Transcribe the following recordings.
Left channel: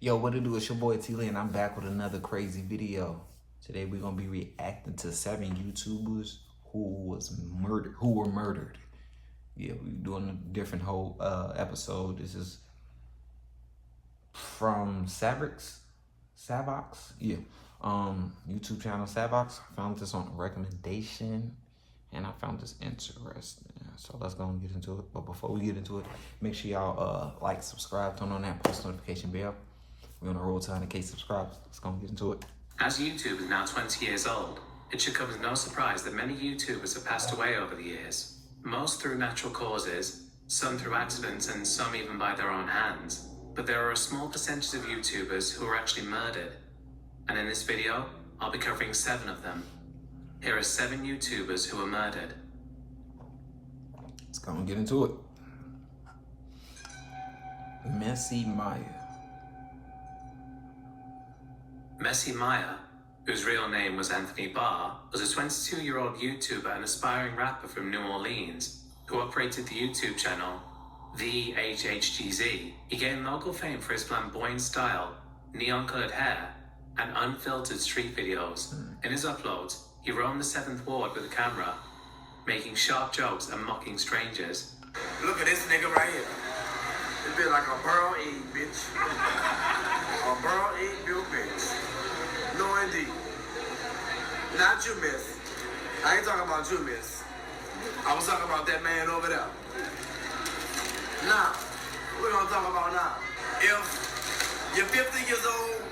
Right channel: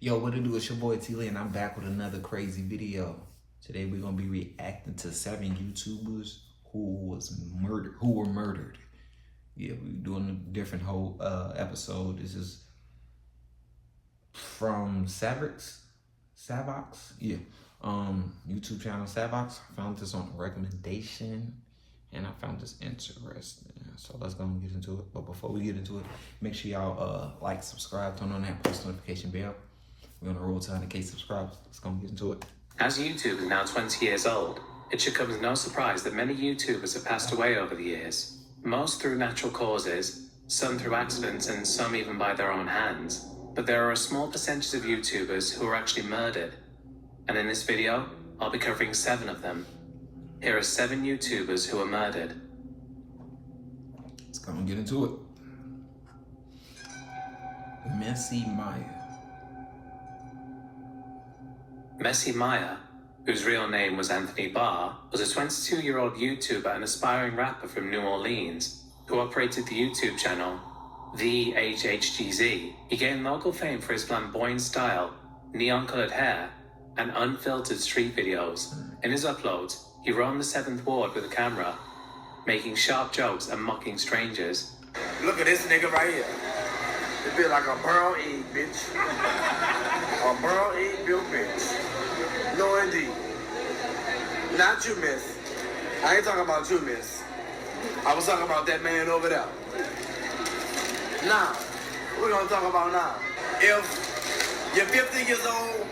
Yo, what it do? It's your boy IamTeeLee, and I'm back with another crazy video. Today we're gonna be reacting to 7 YouTubers who were murdered. Yeah, we're doing a different whole episode. This is from Savox, yeah, YouTube channel Savox. I found this on a recommendation, and I found this interesting. So let's go and get into it. But before we get into it, make sure y'all like, subscribe, turn on that post notification bell. We're on a roll to 100K subscribers. Let's go and get into it. As YouTube is now 20 years old, it should come as no surprise that many YouTubers have passed away over the years. Most through natural causes, some through accidents, and some even by their own hands. But there are a small percentage of YouTubers who are actually murdered. And in this video, I'll be covering 7 of them. Here are 7 YouTubers who are murdered. Let's go and get into it. Messy Maya. Messy Maya, whose real name was Anthony Barr, was a 22-year-old YouTuber and aspiring rapper from New Orleans who operated the YouTube channel The HHGZ. He gained local fame for his flamboyant style, neon-colored hair, and unfiltered street videos. In his uploads, he roamed the 7th Ward with a camera, making sharp jokes and mocking strangers. Look at this nigga right here. It feel like a brown egg, bitch. A brown egg built bitch. No, indeed. Not you, miss. I ain't talking about you, miss. I was talking about that man over there. Now, what we gonna talk about now? If you're 50 years old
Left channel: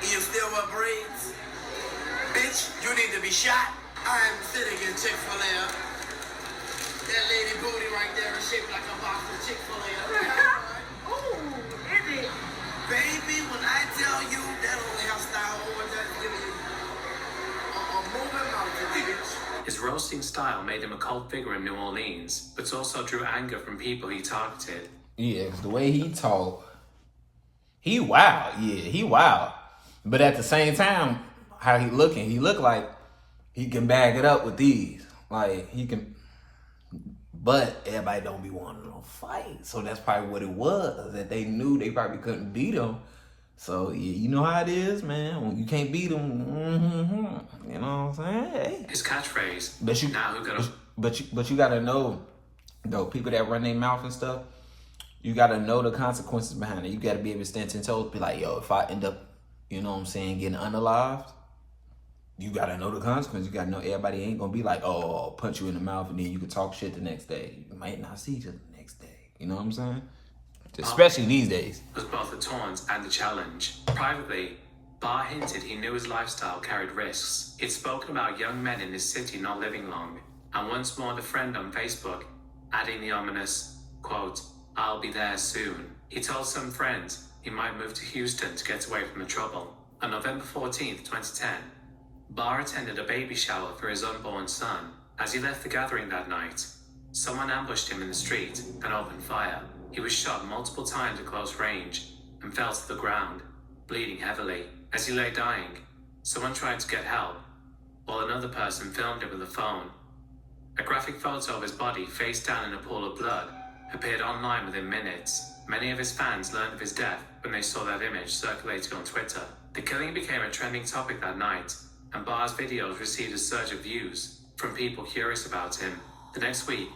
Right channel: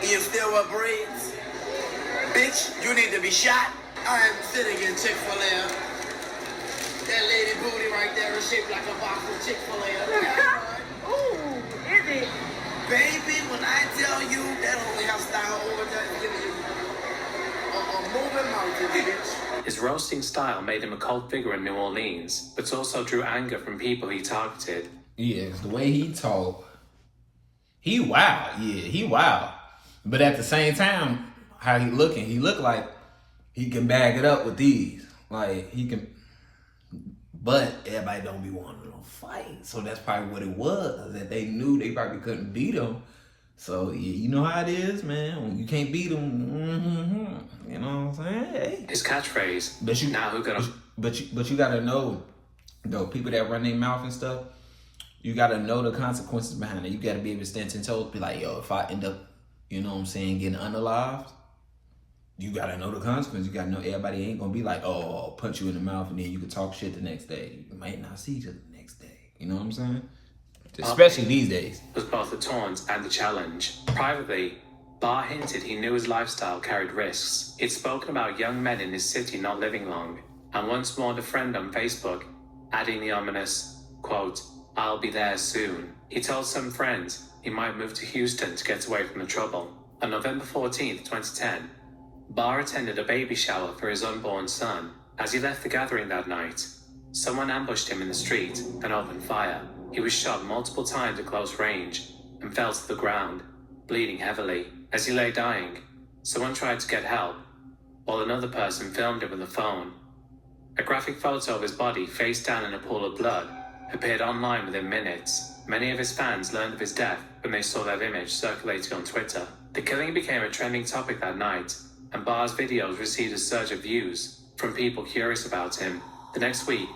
and you still wear braids, bitch, you need to be shot. I am sitting in Chick-fil-A. That lady booty right there is shaped like a box of Chick-fil-A. Ooh, is it? Baby, when I tell you that only got style over there, a moving mountain, bitch. His roasting style made him a cult figure in New Orleans, but also drew anger from people he targeted. Yeah, the way he talk, he wild. Yeah, he wild. But at the same time, how he look like he can bag it up with these. Like, he can, but everybody don't be wanting to fight. So that's probably what it was, that they knew they probably couldn't beat him. So, yeah, you know how it is, man. When you can't beat him, you know what I'm saying? Hey. His catchphrase, But you gotta know, though, people that run their mouth and stuff, you gotta know the consequences behind it. You gotta be able to stand 10 toes, be like, yo, if I end up, you know what I'm saying, getting unalived, you gotta know the consequences. You gotta know everybody ain't gonna be like, oh, I'll punch you in the mouth and then you can talk shit the next day. You might not see each other the next day. You know what I'm saying? Especially these days. Was both the taunt and the challenge. Privately, Barr hinted he knew his lifestyle carried risks. He'd spoken about young men in his city not living long, and once warned a friend on Facebook, adding the ominous, quote, "I'll be there soon." He told some friends he might move to Houston to get away from the trouble. On November 14th, 2010, Barr attended a baby shower for his unborn son. As he left the gathering that night, someone ambushed him in the street and opened fire. He was shot multiple times at close range and fell to the ground, bleeding heavily. As he lay dying, someone tried to get help, while another person filmed him with a phone. A graphic photo of his body face down in a pool of blood appeared online within minutes. Many of his fans learned of his death when they saw that image circulating on Twitter. The killing became a trending topic that night, and Barr's videos received a surge of views from people curious about him. The next week,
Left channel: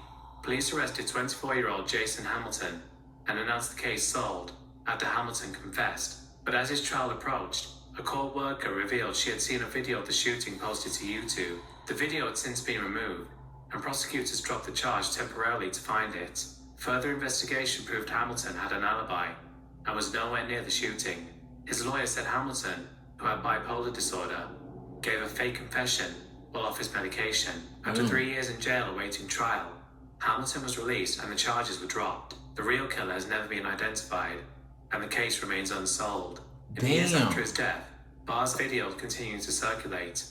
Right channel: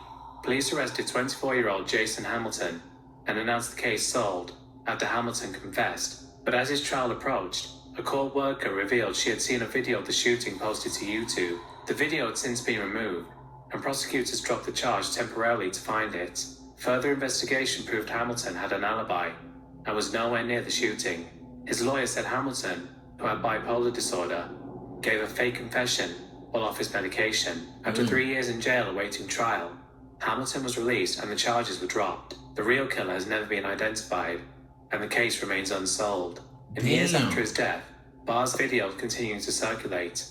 police arrested 24-year-old Jason Hamilton and announced the case solved after Hamilton confessed. But as his trial approached, a court worker revealed she had seen a video of the shooting posted to YouTube. The video had since been removed, and prosecutors dropped the charge temporarily to find it. Further investigation proved Hamilton had an alibi and was nowhere near the shooting. His lawyer said Hamilton, who had bipolar disorder, gave a fake confession while off his medication. After 3 years in jail awaiting trial, Hamilton was released and the charges were dropped. The real killer has never been identified, and the case remains unsolved. In the years after his death, Barr's videos continued to circulate.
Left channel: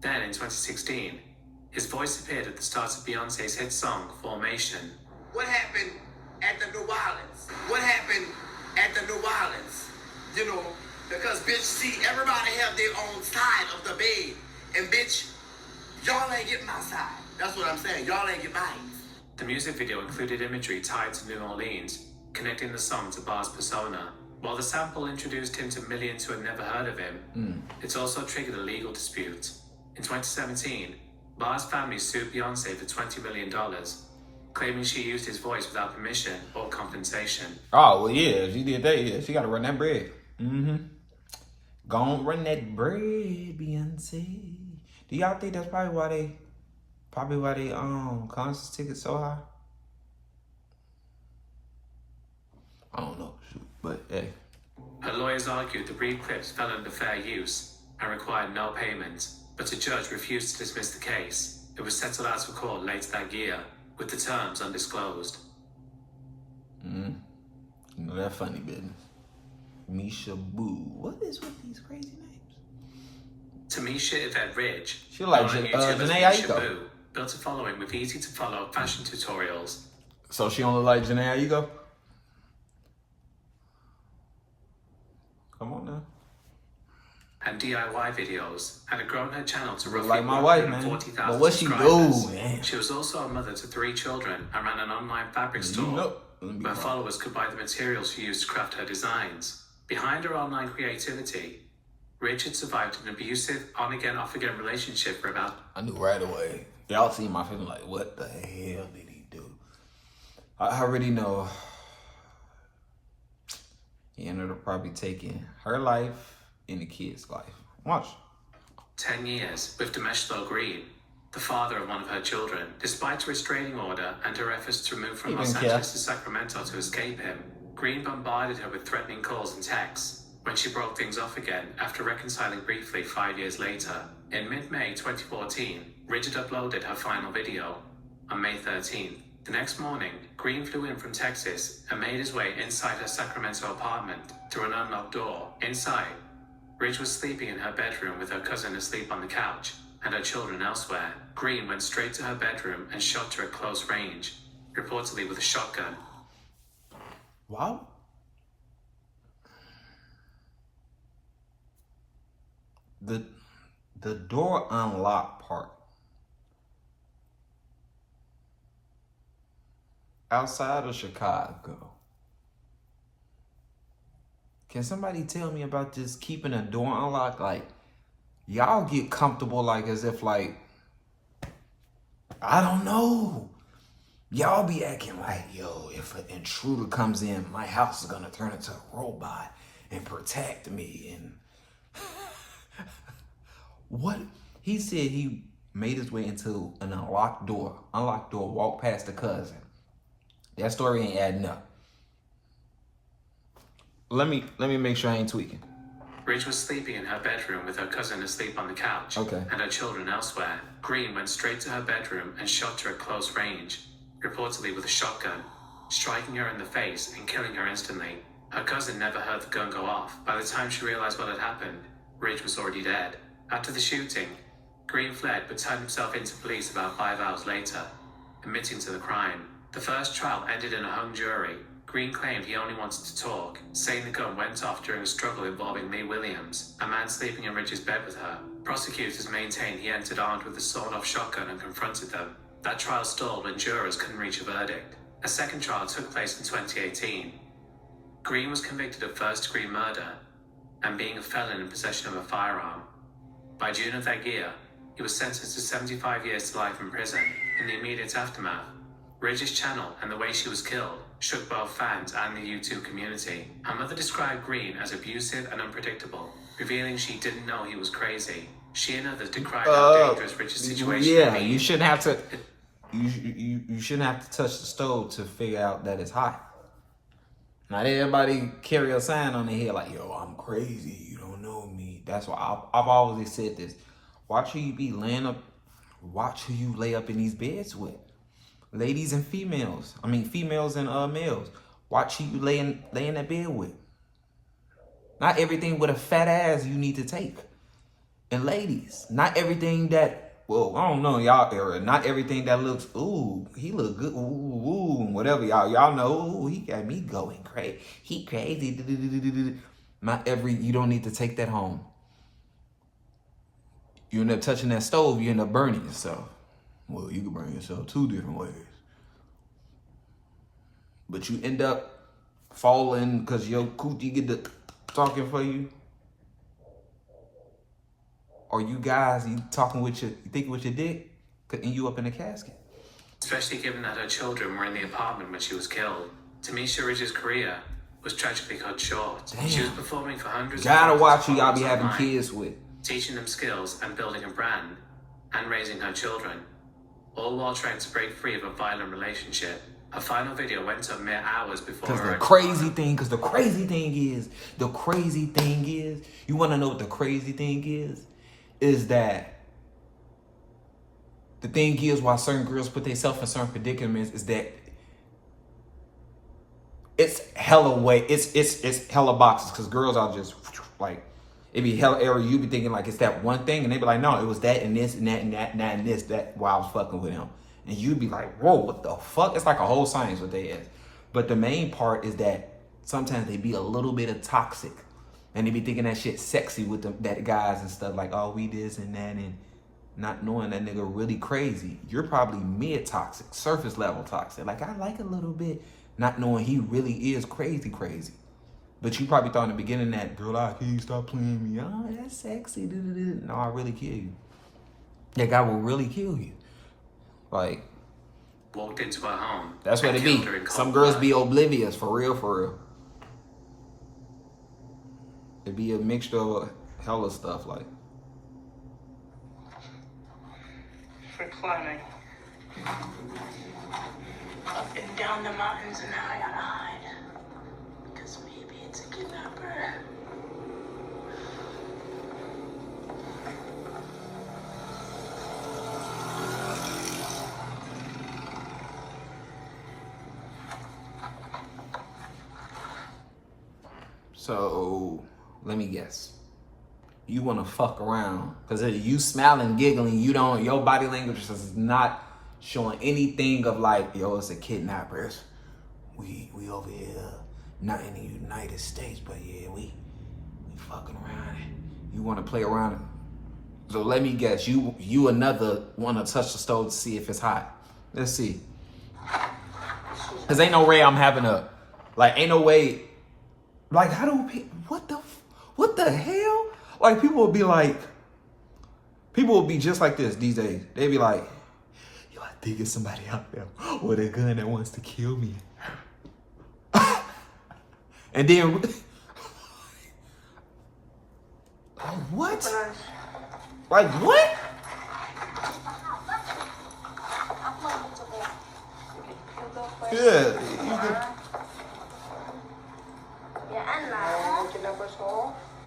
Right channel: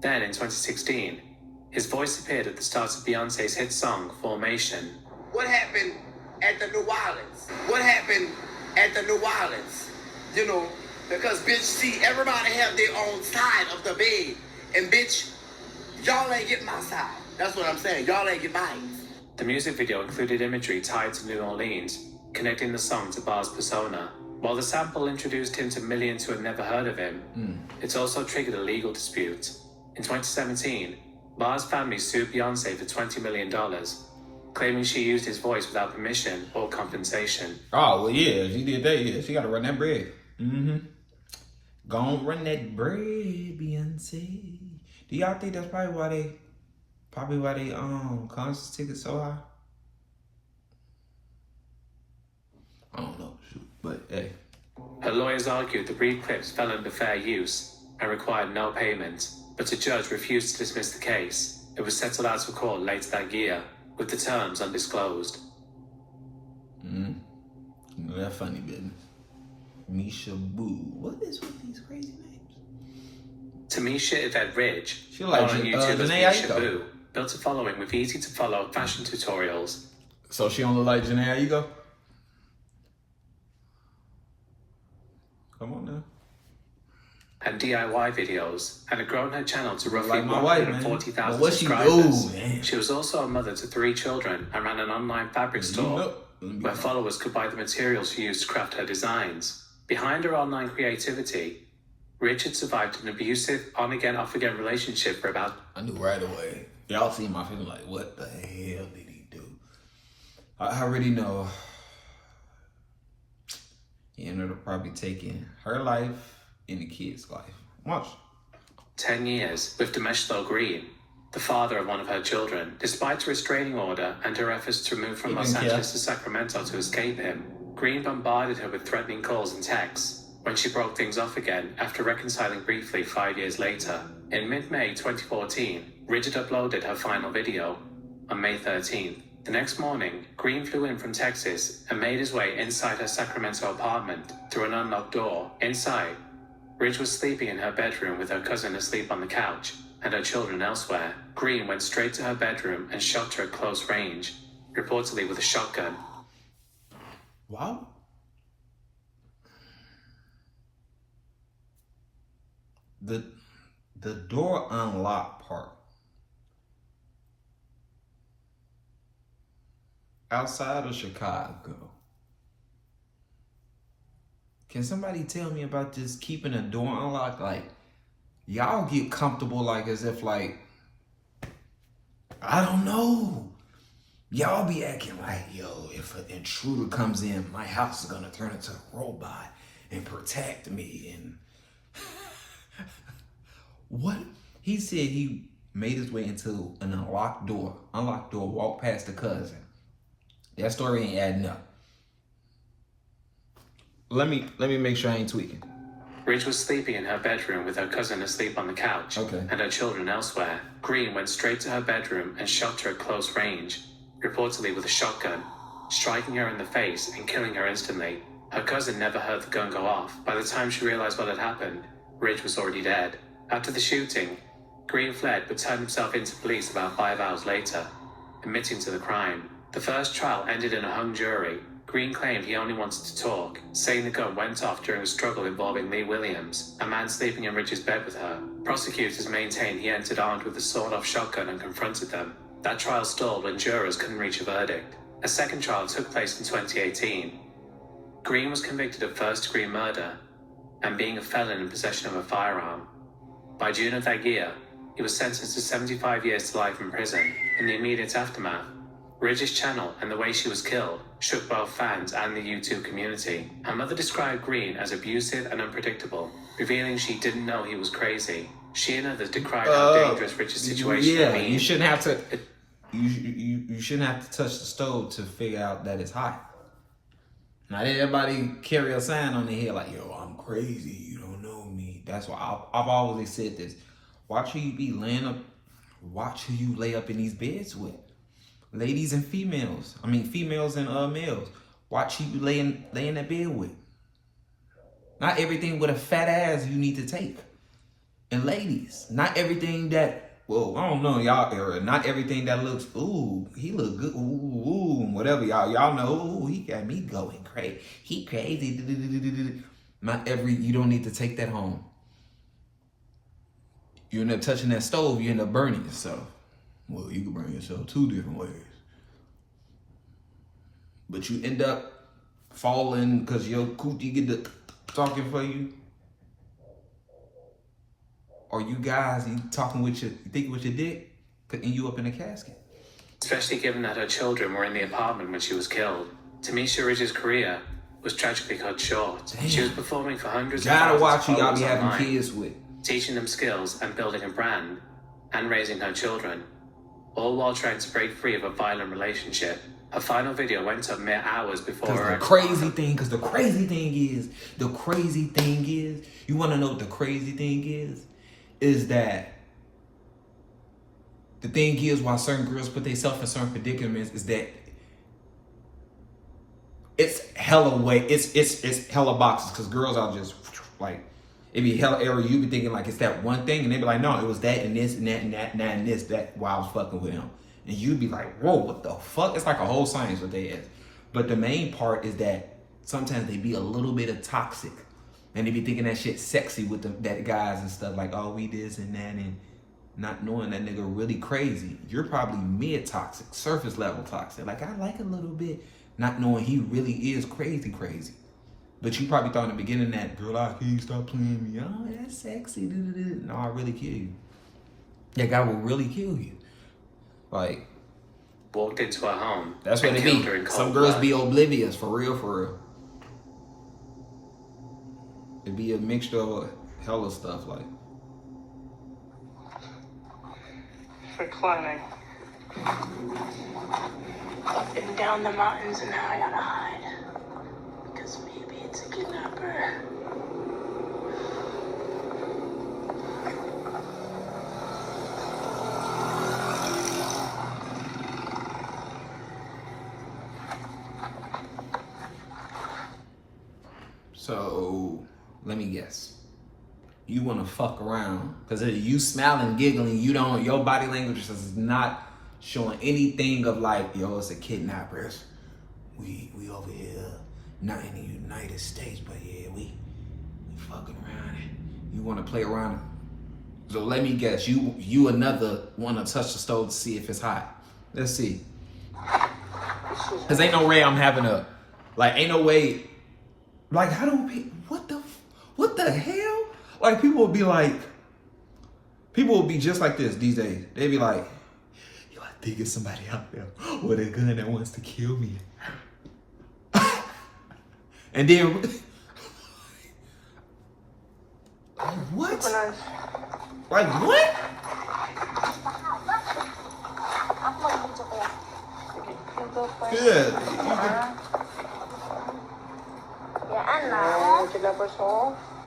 Then, in 2016, his voice appeared at the start of Beyonce's hit song, Formation. What happened at the New Orleans? What happened at the New Orleans? You know, because, bitch, see, everybody have their own side of the bed. And, bitch, y'all ain't get my side. That's what I'm saying. Y'all ain't get mine. The music video included imagery tied to New Orleans, connecting the song to Barr's persona. While the sample introduced him to millions who had never heard of him, it's also triggered a legal dispute. In 2017, Barr's family sued Beyonce for $20 million, claiming she used his voice without permission or compensation. Oh, well, yeah, she did that. Yeah, she got to run that bread. Go on, run that bread, Beyonce. Do y'all think that's probably why they concert tickets so high? I don't know, but hey. Her lawyers argued the read clips fell under fair use and required no payment, but a judge refused to dismiss the case. It was settled out of court later that year, with the terms undisclosed. You know that funny business. Misha Boo. What is with these crazy names? Tamisha Yvette Ridge, She like known on YouTube as Janae Misha Aiko. Boo, built a following with easy-to-follow fashion tutorials. So she only like Janae Aiko? Come on now. And DIY videos, and had grown her channel to roughly Like my wife, man. 140,000 But what she subscribers. do, man? She was also a mother to 3 children and ran an online fabric store where followers could buy the materials she used to craft her designs. Behind her online creativity, Richard survived an abusive, on-again, off-again relationship for about... I knew right away. Y'all see my feeling like, what the hell did he do? I already know. He ended up probably taking her life and the kid's life. Watch. 10 years with Demeshlo Green, the father of one of her children. Despite a restraining order and her efforts to move from Los Angeles to Sacramento to escape him, Green bombarded her with threatening calls and texts. When she broke things off again after reconciling briefly 5 years later. In mid-May 2014, Richard uploaded her final video on May 13th. The next morning, Green flew in from Texas and made his way inside her Sacramento apartment through an unlocked door. Inside, Ridge was sleeping in her bedroom with her cousin asleep on the couch and her children elsewhere. Green went straight to her bedroom and shot her at close range, reportedly with a shotgun. Wow. The door unlocked part. Outside of Chicago. Can somebody tell me about just keeping a door unlocked? Like, y'all get comfortable like as if like, I don't know. Y'all be acting like, yo, if an intruder comes in, my house is gonna turn into a robot and protect me. And what? He said he made his way into an unlocked door, walked past the cousin. That story ain't adding up. Let me make sure I ain't tweaking. Ridge was sleeping in her bedroom with her cousin asleep on the couch and her children elsewhere. Green went straight to her bedroom and shot her at close range, reportedly with a shotgun, striking her in the face and killing her instantly. Her cousin never heard the gun go off. By the time she realized what had happened, Ridge was already dead. After the shooting, Green fled but turned himself into police about 5 hours later, admitting to the crime. The first trial ended in a hung jury. Green claimed he only wanted to talk, saying the gun went off during a struggle involving Lee Williams, a man sleeping in Ridge's bed with her. Prosecutors maintained he entered armed with a sawed-off shotgun and confronted them. That trial stalled when jurors couldn't reach a verdict. A second trial took place in 2018. Green was convicted of first-degree murder and being a felon in possession of a firearm. By June of that year, he was sentenced to 75 years to life in prison. In the immediate aftermath, Ridge's channel and the way she was killed shook both fans and the YouTube community. Her mother described Green as abusive and unpredictable, revealing she didn't know he was crazy. She and others decried how dangerous Ridge's situation Yeah, would be. you shouldn't have to. You shouldn't have to touch the stove to figure out that it's hot. Not everybody carry a sign on their head like, yo, I'm crazy. You don't know me. That's why I've always said this. Watch who you be laying up. Watch who you lay up in these beds with. Ladies and females. I mean, females and males. Watch who you lay in that bed with. Not everything with a fat ass you need to take. And ladies, not everything that, well, I don't know y'all era. Not everything that looks, ooh, he look good, ooh, whatever y'all know. Ooh, he got me going crazy. He crazy. Not you don't need to take that home. You end up touching that stove, you end up burning yourself. Well, you can burn yourself 2 different ways. But you end up falling because your coochie get the talking for you? Or you guys, you talking with you thinking with your dick, could end you up in a casket. Especially given that her children were in the apartment when she was killed. Tamisha Ridge's career was tragically cut short. Damn. She was performing for hundreds of Gotta thousands watch of who y'all be followers having online, kids with. teaching them skills and building a brand, and raising her children, all while trying to break free of a violent relationship. Her final video went up mere hours before her. The crazy thing is, you wanna know what the crazy thing is that the thing is why certain girls put themselves in certain predicaments is that it's hella it's hella boxes, because girls are just like, it be hella error. You be thinking like it's that one thing, and they be like, no, it was that and this and that and that and that and this that while I was fucking with him. And you be like, whoa, what the fuck? It's like a whole science what they ask. But the main part is that sometimes they be a little bit of toxic. And they be thinking that shit sexy with that guys and stuff like, oh, we this and that, and not knowing that nigga really crazy. You're probably mid-toxic, surface level toxic. Like, I like a little bit, not knowing he really is crazy. But you probably thought in the beginning that, girl, I can't stop playing me. Oh, that's sexy. No, I really kill you. That guy will really kill you. Like, Walked into her home. that's what and it be. killed her in cold Some girls blood. be oblivious, for real. It be a mixture of hella stuff, like. For climbing. Up and down the mountains, and now I gotta hide. Because maybe it's a kidnapper. So, let me guess. You want to fuck around because you smiling, giggling. You don't. Your body language is not showing anything of like, yo, it's a kidnappers. We over here, not in the United States, but yeah, we fucking around. You want to play around. So let me guess. You another want to touch the stove to see if it's hot. Let's see. Cause ain't no way I'm having a, like, ain't no way. Like, how do people, what the hell? Like, people will be just like this these days. They be like, yo, I think it's somebody out there with a gun that wants to kill me. And then, what? Like, what? Yeah.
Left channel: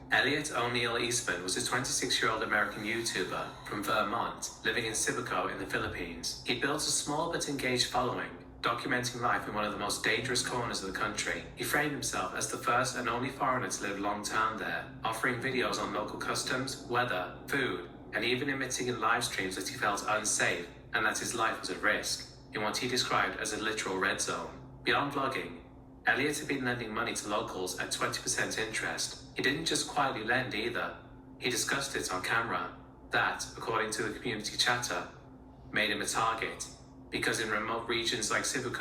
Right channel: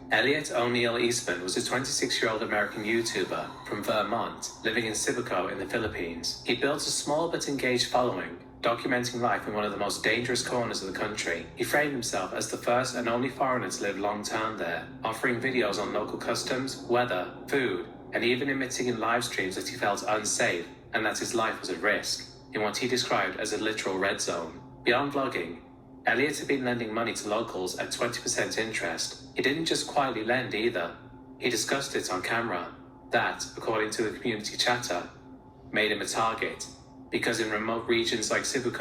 Elliot O'Neill Eastman was a 26-year-old American YouTuber from Vermont, living in Cebu in the Philippines. He built a small but engaged following, documenting life in one of the most dangerous corners of the country. He framed himself as the first and only foreigner to live long-term there, offering videos on local customs, weather, food, and even admitting in live streams that he felt unsafe and that his life was at risk, in what he described as a literal red zone. Beyond vlogging, Elliot had been lending money to locals at 20% interest. He didn't just quietly lend either. He discussed it on camera. That, according to the community chatter, made him a target. Because in remote regions like Cebu,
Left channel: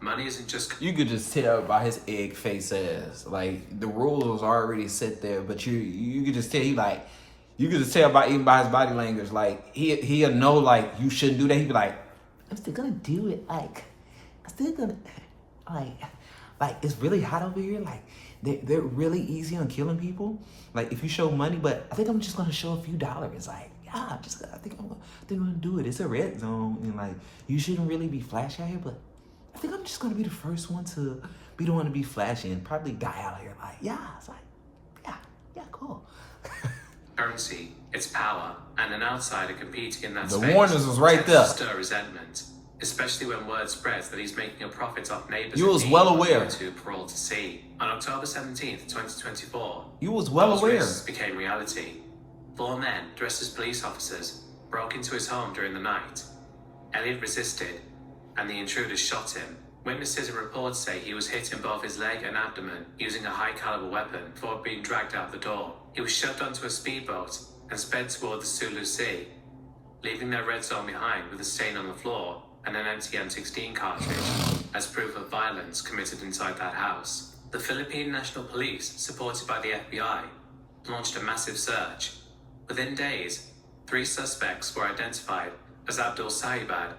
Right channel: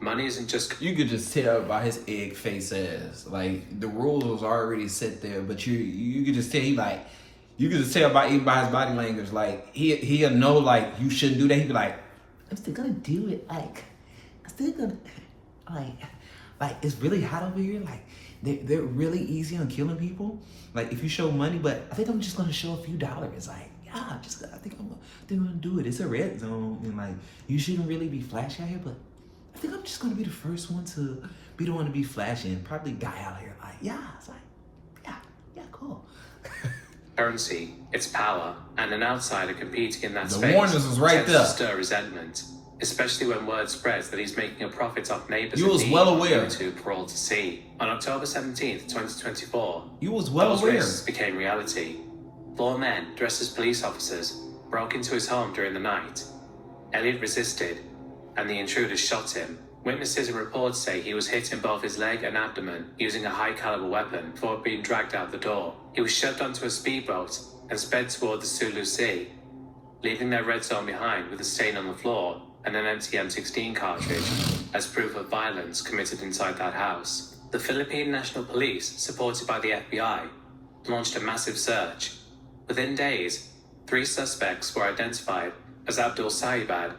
money isn't just... You could just tell by his egg face ass. Like, the rules are already set there, but you could just tell you could just tell by even by his body language. Like, he'll know, like, you shouldn't do that. He'd be like, I'm still gonna do it. Like, I'm still gonna, like, it's really hot over here. Like, they're really easy on killing people. Like, if you show money, but I think I'm just gonna show a few dollars. Like, yeah, I think I'm gonna do it. It's a red zone, and like, you shouldn't really be flashy out here, but I think I'm just gonna be the first one to be the one to be flashy and probably die out here. Like, yeah, it's like, yeah, cool. currency, its power, and an outsider competing in that The space warnings was right tends to there. stir resentment, especially when word spreads that he's making a profit off neighbors You in was need well on aware. YouTube for all to see. On October 17th, 2024, You was well those aware. risks became reality. 4 men dressed as police officers broke into his home during the night. Elliot resisted, and the intruders shot him. Witnesses and reports say he was hit in both his leg and abdomen using a high-caliber weapon before being dragged out the door. He was shoved onto a speedboat and sped toward the Sulu Sea, leaving their red zone behind with a stain on the floor and an empty M16 cartridge as proof of violence committed inside that house. The Philippine National Police, supported by the FBI, launched a massive search. Within days, 3 suspects were identified as Abdul Sahibad,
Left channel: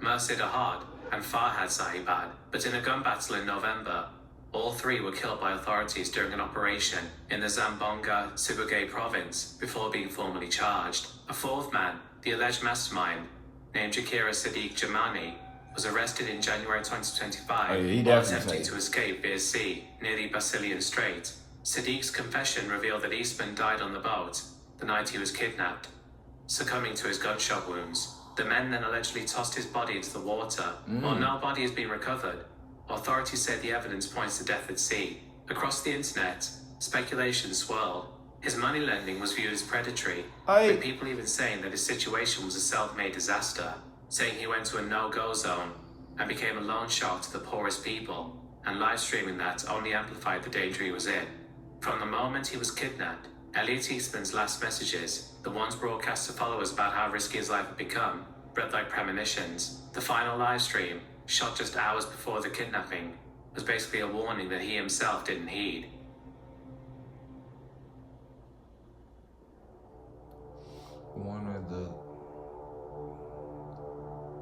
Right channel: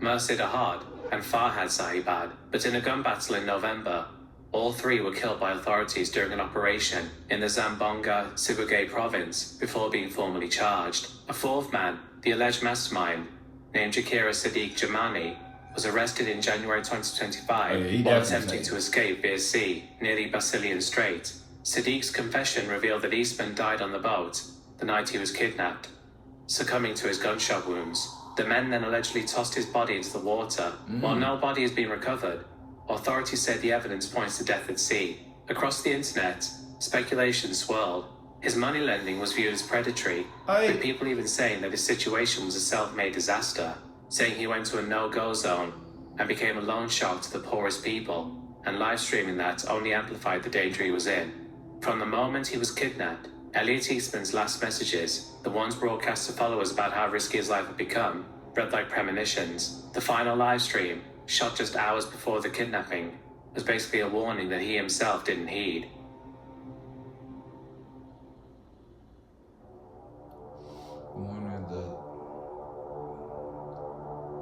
Mursid Ahad, and Farhad Sahibad, but in a gun battle in November, all 3 were killed by authorities during an operation in the Zamboanga, Sibugay province before being formally charged. A 4th man, the alleged mastermind, named Jakira Sadiq Jamani, was arrested in January 2025 while attempting to escape via sea near the Basilian Strait. Sadiq's confession revealed that Eastman died on the boat the night he was kidnapped, succumbing to his gunshot wounds. The men then allegedly tossed his body into the water. While no body has been recovered, authorities say the evidence points to death at sea. Across the internet, speculation swirled. His money lending was viewed as predatory, with people even saying that his situation was a self-made disaster, saying he went to a no-go zone and became a loan shark to the poorest people, and live streaming that only amplified the danger he was in. From the moment he was kidnapped, Elliot Eastman's last messages, the ones broadcast to followers about how risky his life had become, read like premonitions. The final live stream, shot just hours before the kidnapping, was basically a warning that he himself didn't heed.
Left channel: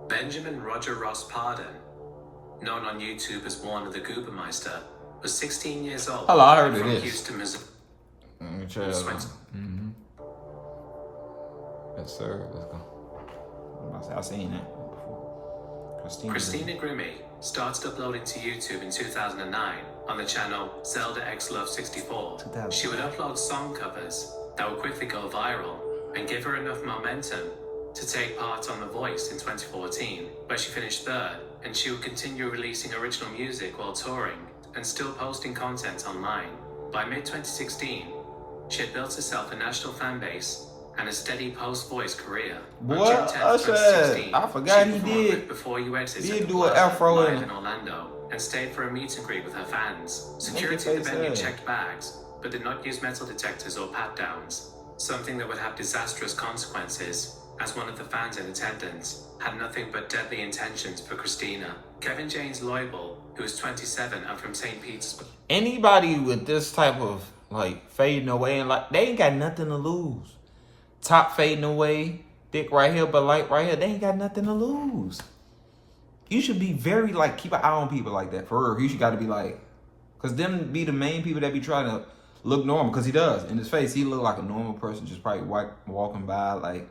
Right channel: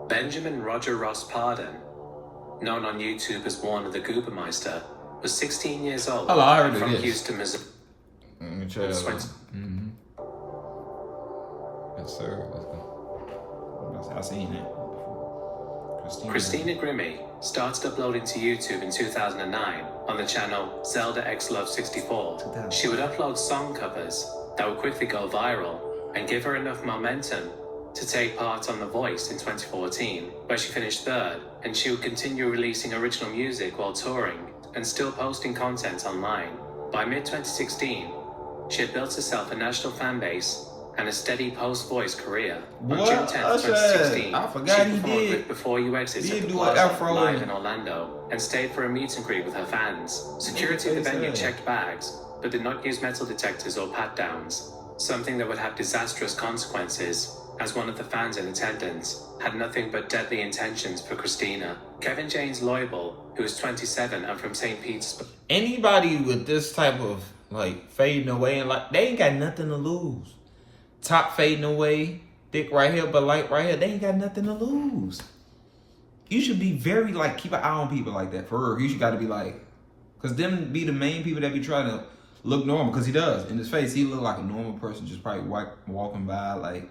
Benjamin Roger Ross Pardon, known on YouTube as Warner the Goobermeister, was 16 years old from Houston, Missouri. Let me tell you. Yes, sir. Let's go. I've seen it before. Christina Grimmie started uploading to YouTube in 2009 on the channel Zelda X Love 64. She would upload song covers that would quickly go viral and give her enough momentum to take part on The Voice in 2014, where she finished 3rd, and she would continue releasing original music while touring and still posting content online. By mid-2016, she had built herself a national fan base and a steady post-voice career. On June 10th, 2016, I forgot she he performed did. Before You Exit at the Do an Plaza afro live in Orlando and stayed for a meet and greet with her fans. Security at the venue checked bags, but did not use metal detectors or pat-downs, something that would have disastrous consequences, as one of the fans in attendance had nothing but deadly intentions for Christina. Kevin James Loibel, who is 27 and from St. Petersburg. Anybody with this type of like fading away and like they ain't got nothing to lose. Top fading away, thick right here, but light right here, they ain't got nothing to lose. You should be very like keep an eye on people like that for real. You should got to be like, cause them be the main people that be trying to look normal. Cause he does in his face, he look like a normal person, just probably walking by like.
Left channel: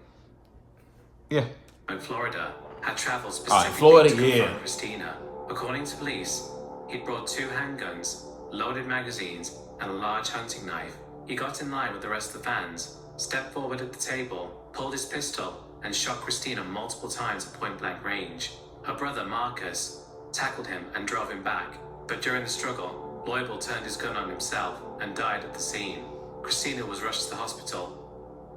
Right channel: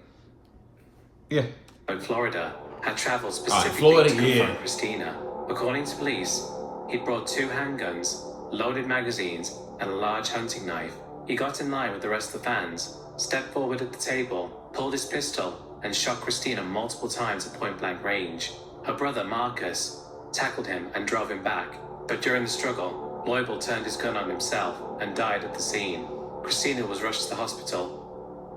Yeah. In Florida, had traveled specifically to confront Christina. According to police, he'd brought 2 handguns, loaded magazines, and a large hunting knife. He got in line with the rest of the fans, stepped forward at the table, pulled his pistol, and shot Christina multiple times at point-blank range. Her brother, Marcus, tackled him and drove him back, but during the struggle, Loibel turned his gun on himself and died at the scene. Christina was rushed to the hospital,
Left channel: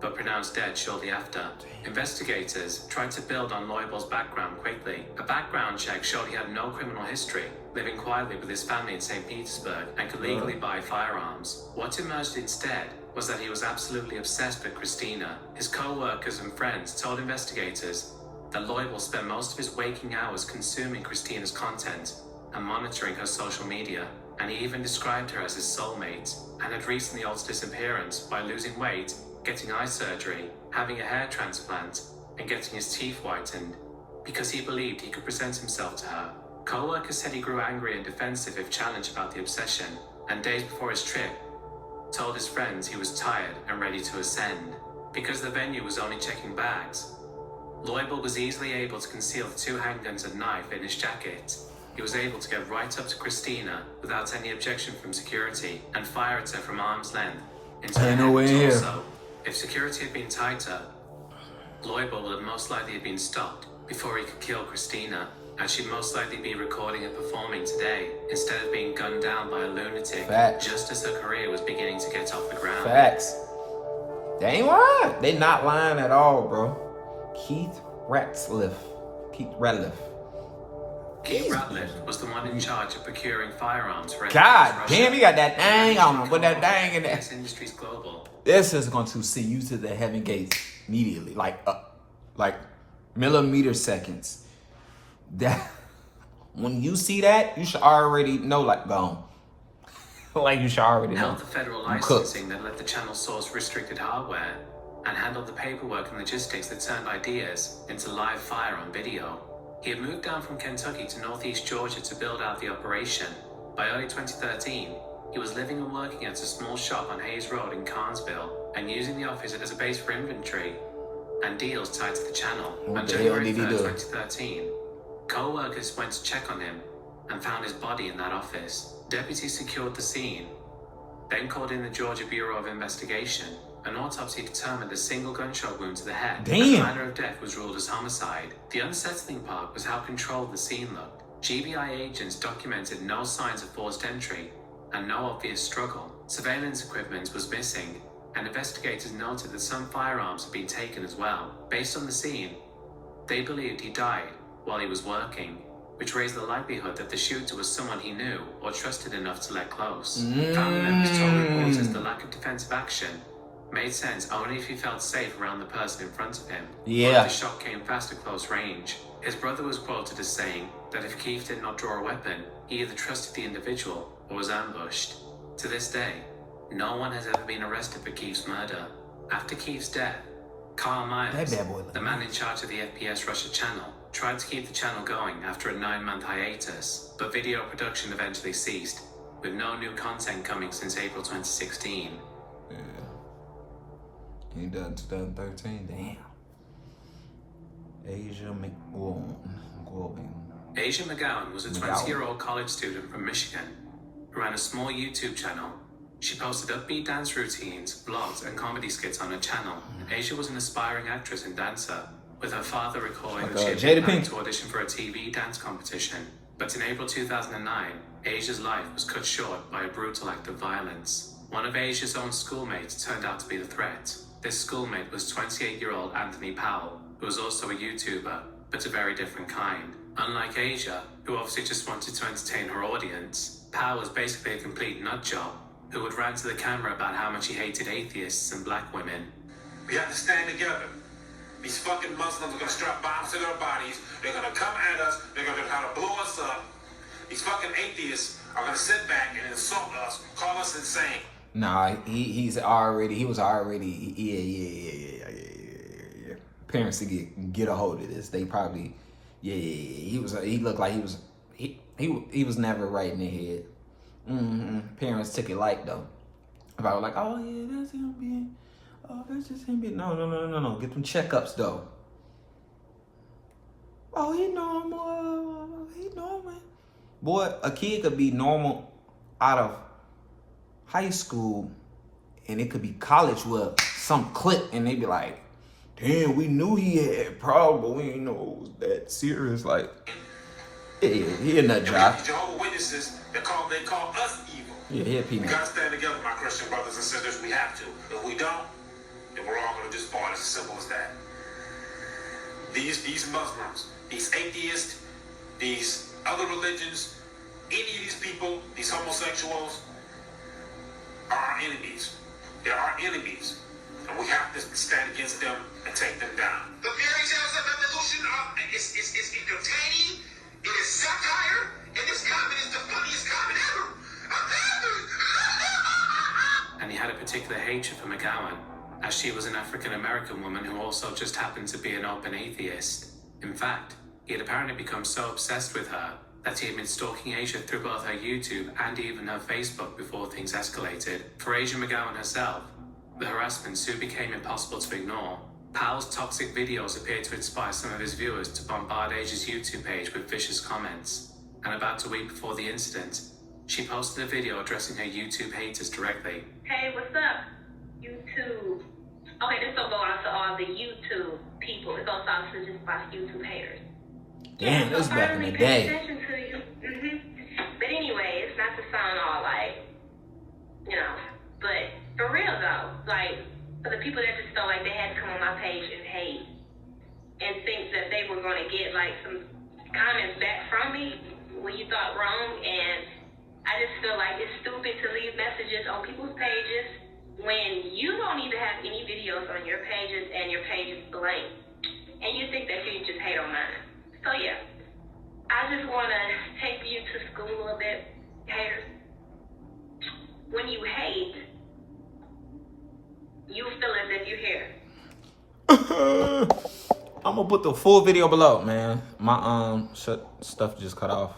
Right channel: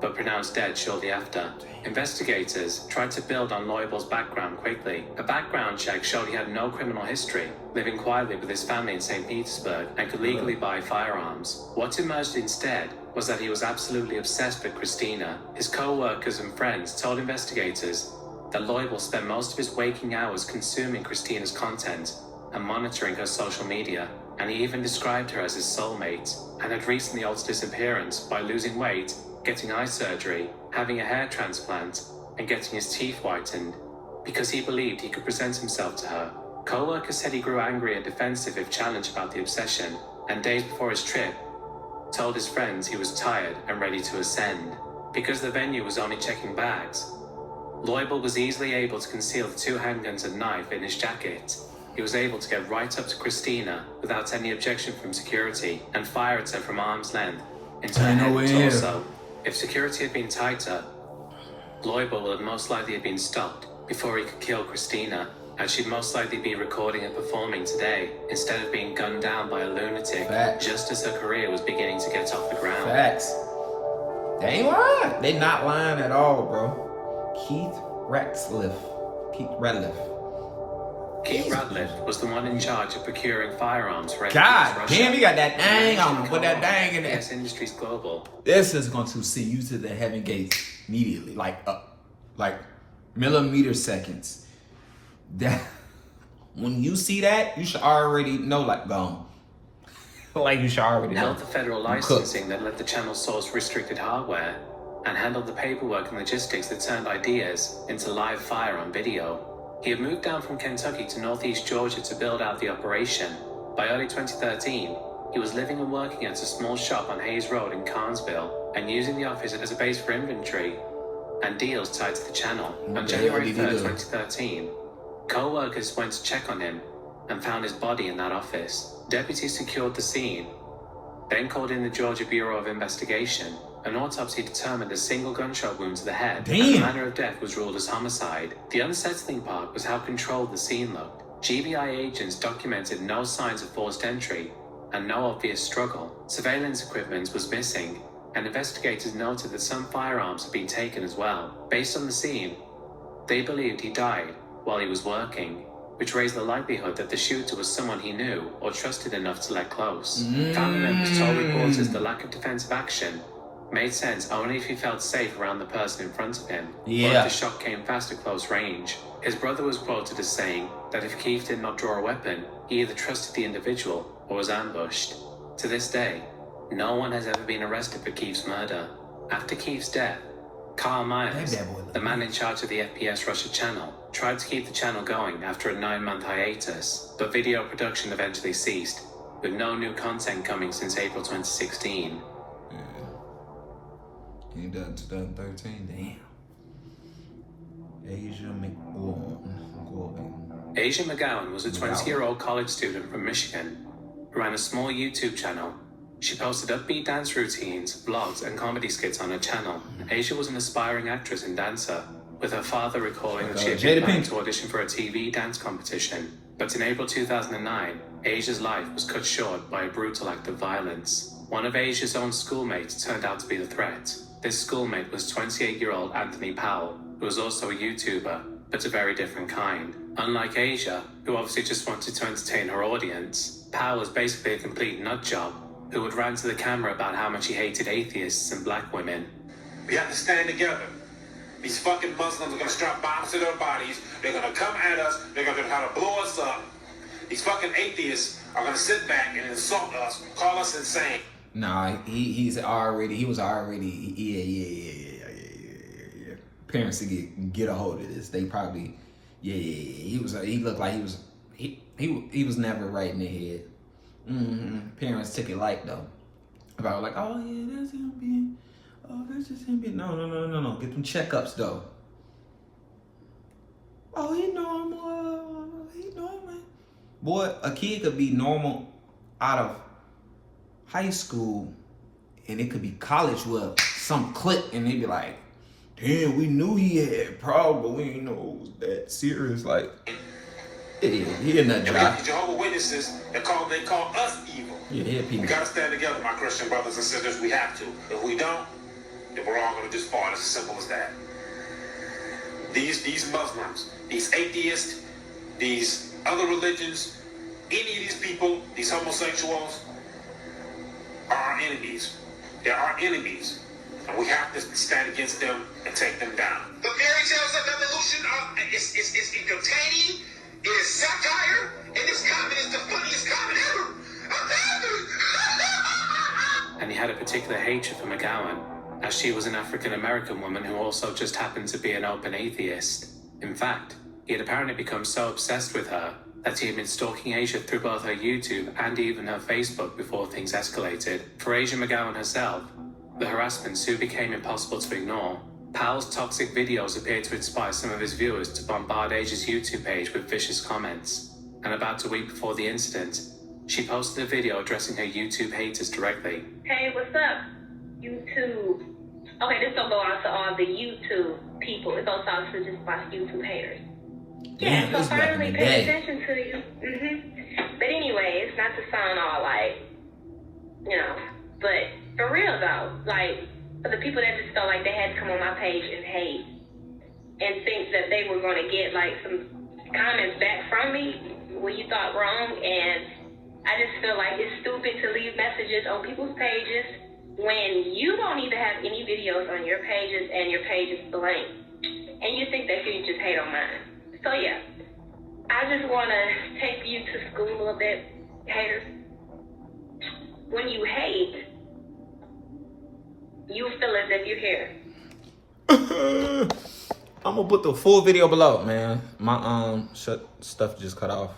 but pronounced dead shortly after. Investigators tried to build on Loibel's background quickly. A background check showed he had no criminal history, living quietly with his family in St. Petersburg, and could legally buy firearms. What emerged instead was that he was absolutely obsessed with Christina. His co-workers and friends told investigators that Loibel spent most of his waking hours consuming Christina's content and monitoring her social media, and he even described her as his soulmate, and had recently altered his appearance by losing weight, getting eye surgery, having a hair transplant, and getting his teeth whitened, because he believed he could present himself to her. Co-workers said he grew angry and defensive if challenged about the obsession, and days before his trip, told his friends he was tired and ready to ascend. Because the venue was only checking bags, Loibel was easily able to conceal the 2 handguns and knife in his jacket. He was able to get right up to Christina without any objection from security and fire at her from arm's length into her head and torso. If security had been tighter, Loibel would most likely have been stopped before he could kill Christina, as she'd most likely be recording and performing today, instead of being gunned down by a lunatic just as her career was beginning to get off the ground. Facts. They ain't lying. They not lying at all, bro. Keith Ratliff. Keith Ratliff was the one in charge of procuring firearms for God Russia. damn, you got that dang on him. Put that dang in there. Yes, Industries Global. This is going to see you to the heaven gates immediately, like millimeter seconds. That when you see that, you should already know, like, gone. Like, you should already know. Held the federal I'm cooked. licensing that let the channel source restricted hardware, and handled the paperwork and logistics that turned ideas into live fire on video. He had moved down from Kentucky to northeast Georgia to build out the operation. By early 2013, he was living and working at a small shop on Hayes Road in Carnesville and using the office as a base for inventory and deals tied to the channel. On January 3rd, 2013, co-workers went to check on him and found his body in that office. Deputies secured the scene, then called in the Georgia Bureau of Investigation. An autopsy determined a single gunshot wound to the head. Damn. And the manner of death was ruled as homicide. The unsettling part was how controlled the scene looked. GBI agents documented no signs of forced entry and no obvious struggle. Surveillance equipment was missing, and investigators noted that some firearms had been taken as well. Based on the scene, they believed he died while he was working, which raised the likelihood that the shooter was someone he knew or trusted enough to let close. Family members told reporters the lack of defensive action made sense only if he felt safe around the person in front of him, or if the shot came fast at close range. His brother was quoted as saying that if Keith did not draw a weapon, he either trusted the individual or was ambushed. To this day, no one has ever been arrested for Keith's murder. After Keith's death, Carl Myers, the man in charge of the FPS Russia channel, tried to keep the channel going after a 9-month hiatus, but video production eventually ceased, with no new content coming since April 2016. He died 2013, damn. Asia McGowan was a 20-year-old college student from Michigan who ran a small YouTube channel. She posted upbeat dance routines, vlogs, and comedy skits on her channel. Asia was an aspiring actress and dancer, with her father recalling that she had been planning to audition for a TV dance competition. But in April 2009, Asia's life was cut short by a brutal act of violence. One of Asia's own schoolmates turned out to be the threat. This schoolmate was 28-year-old Anthony Powell, who was also a YouTuber, but a very different kind. Unlike Asia, who obviously just wanted to entertain her audience, Powell was basically a complete nutjob, who would rant to the camera about how much he hated atheists and black women. We have to stand together. These fucking Muslims are gonna strap bombs to their bodies. They're gonna come at us. They're gonna try to blow us up. These fucking atheists are gonna sit back and insult us, call us insane. Nah, he was already, Parents to get a hold of this. They probably, he looked like he was never right in the head. Parents took it light though. About like, oh yeah, that's him being, oh that's just him being. No. Get them checkups though. Oh, he normal. Boy, a kid could be normal out of high school, and it could be college with some clip, and they be like, damn, we knew he had a problem, but we didn't know it was that serious. Like, yeah, he a nut job. Jehovah's Witnesses, they call us evil. Yeah, people. We gotta stand together, my Christian brothers and sisters. We have to. If we don't, then we're all gonna just fall. It's as simple as that. These Muslims, these atheists, these other religions, any of these people, these homosexuals, are our enemies. They're our enemies. And we have to stand against them and take them down. The fairy tales of evolution is entertaining, it is satire, and this comment is the funniest comment ever. And he had a particular hatred for McGowan, as she was an African-American woman who also just happened to be an open atheist. In fact, he had apparently become so obsessed with her that he had been stalking Asia through both her YouTube and even her Facebook before things escalated. For Asia McGowan herself, the harassment soon became impossible to ignore. Powell's toxic videos appeared to inspire some of his viewers to bombard Asia's YouTube page with vicious comments. And about a week before the incident, she posted a video addressing her YouTube haters directly. Hey, what's up, YouTube? Okay, this don't go out to all the YouTube people. It goes out to just my YouTube haters. Damn, this back in the day. Pay attention to you. But anyway, it's not to sound all like, but for real though, like, for the people that just felt like they had to come on my page and hate and think that they were going to get like some comments back from me when you thought wrong, and I just feel like it's stupid to leave messages on people's pages when you don't even have any videos on your pages and your page is blank, and you think that you just hate on mine. So yeah, I just want to take you to school a little bit, haters. When you hate, you feel as if you're here. I'm gonna put the full video below, man. My stuff just cut off.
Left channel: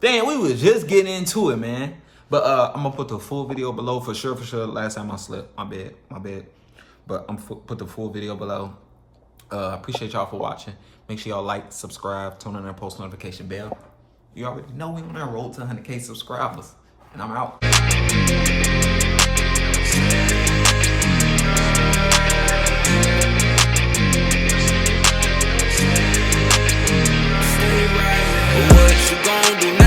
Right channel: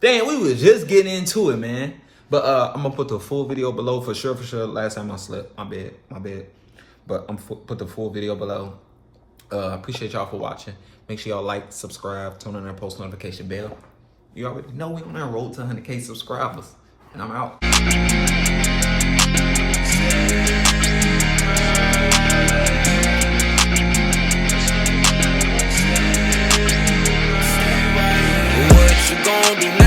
Dang, we was just getting into it, man. But I'm gonna put the full video below for sure, Last time I slept, my bad. But I'm put the full video below. Appreciate y'all for watching. Make sure y'all like, subscribe, turn on that post notification bell. You already know we on that road to 100K subscribers. And I'm out. What you gon' do now?